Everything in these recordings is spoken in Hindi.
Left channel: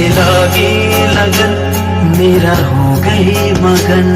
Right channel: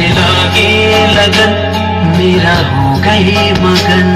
से लागे लगन, मेरा हो गए मगन।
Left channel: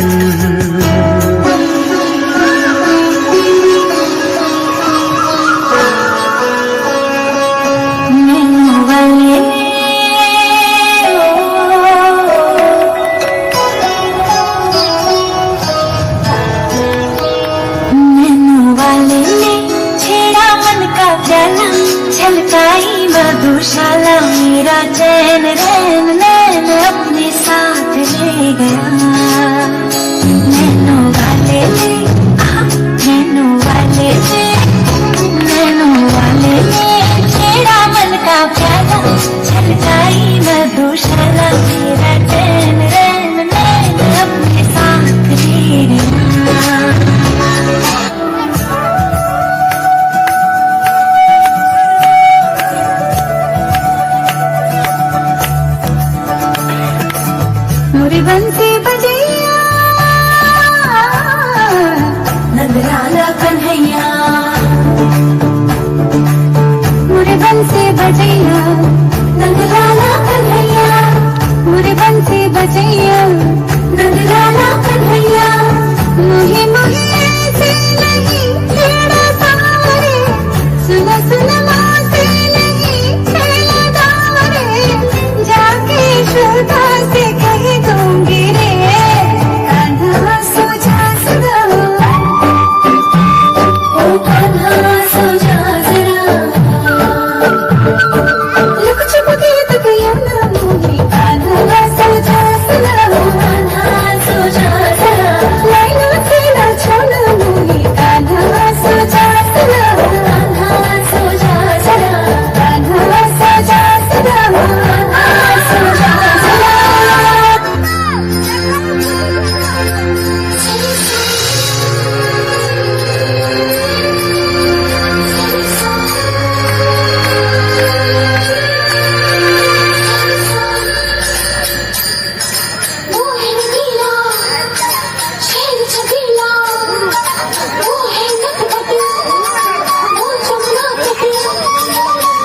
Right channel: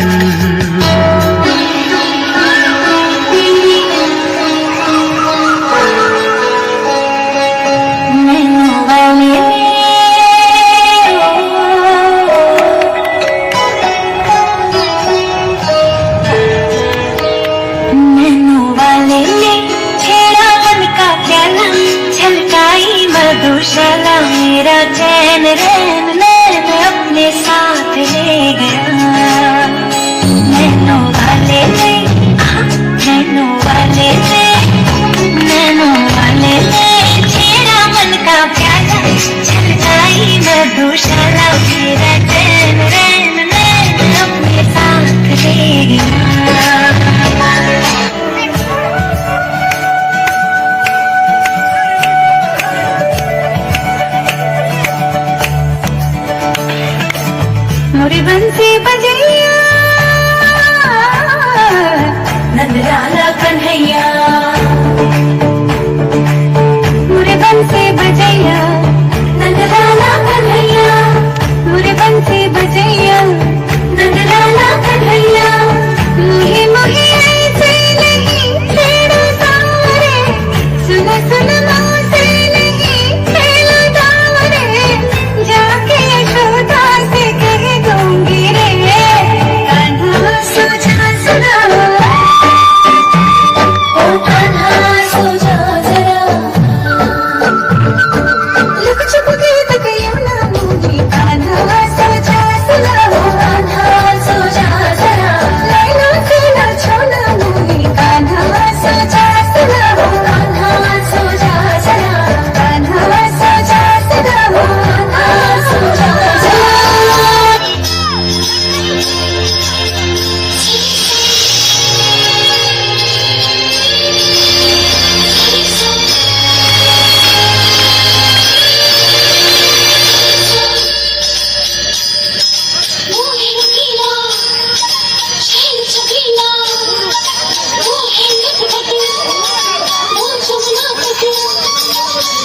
मधुशाला मेरा चैन रैन नैन अपने साथ ले गया। नैनों वाले ने नैनों वाले ने नैनों वाले ने छेड़ा मन का प्याला, छलकाई मधुशाला मेरा चैन रैन नैन अपने साथ ले गया। मोरी बंसी बजैया नंदलाला कन्हैया, मोरे बंसी बजैया नंदलाला कन्हैया, मोरे बंसी बजैया नंदलाला कन्हैया। मुही मुही ऐसे नहीं छेड़ा सारे, सुन सुन मोसे नहीं खेला जावरे, जाके यशोदा से कह दूंगी रे, कान्हा सो जा जरा, ओ कान्हा सो जा जरा। लुक छुप के तकिया ना मूवी, कान्हा सो जा जरा, कान्हा सो जा जरा। लैला तेरा छोना मूवी, कान्हा सो जा जरा, कान्हा सो जा जरा, कान्हा सो जा जरा, कान्हा सो जा जरा। वो है रंगीला, शहर चंगीला, वो है नटखट, वो जमुना तट।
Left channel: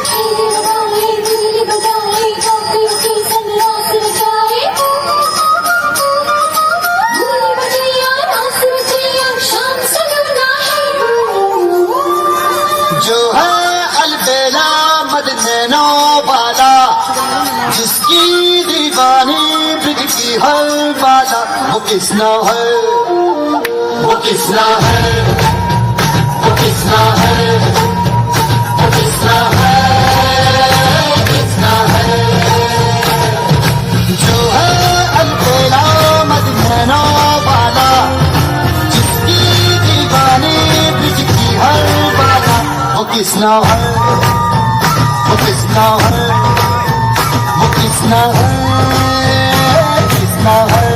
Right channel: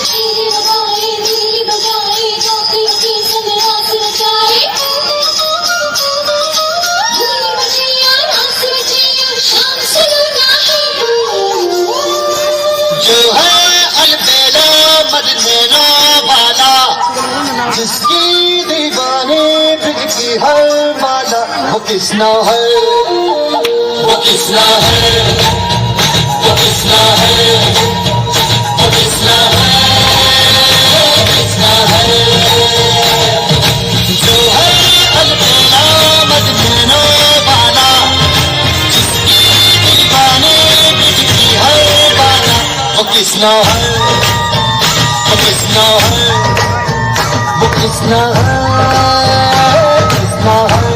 तेरे लगाए दिल बजाए, जातियों की संग रास रचाए। धूल बजैया रास रचैया, शाम सलोना है। जो है अलबेला मदनैना वाला, जिसकी दीवाने बिकती है माला, वो किसना है, वो किसना है, वो किसना है, वो किसना है, वो किसना है। जो है अलबेला मदनैना वाला, जिसकी दीवाने बिकती है माला, वो किसना है, वो किसना है, वो किसना है, किसना है।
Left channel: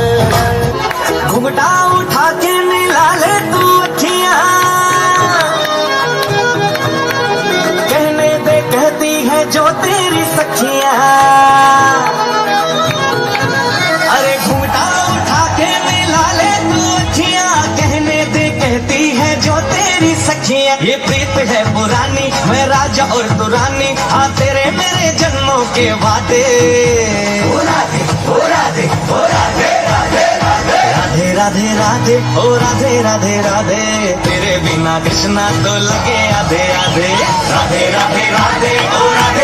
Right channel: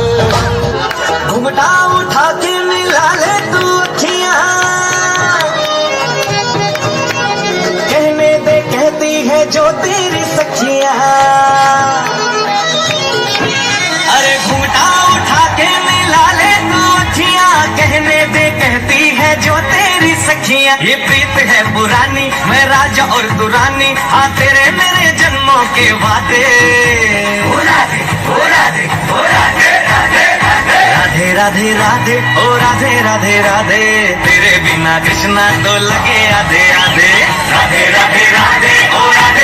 घुंघटा उठा के मिला ले तू अखियां, कहने दे कहती है जो तेरी सखियां। अरे घुंघटा उठा के मिला ले तू अखियां, कहने दे कहती है जो तेरी सखियां। ये प्रीत है पुरानी, मैं राजा और तू रानी, हाँ तेरे मेरे जन्मों के वादे। ओ राधे ओ राधे ओ राधे राधे राधे राधे राधे राधे ओ राधे राधे राधे। तेरे बिना कृष्णा तो लगे आधे आधे। राधे राधे राधे ओ राधे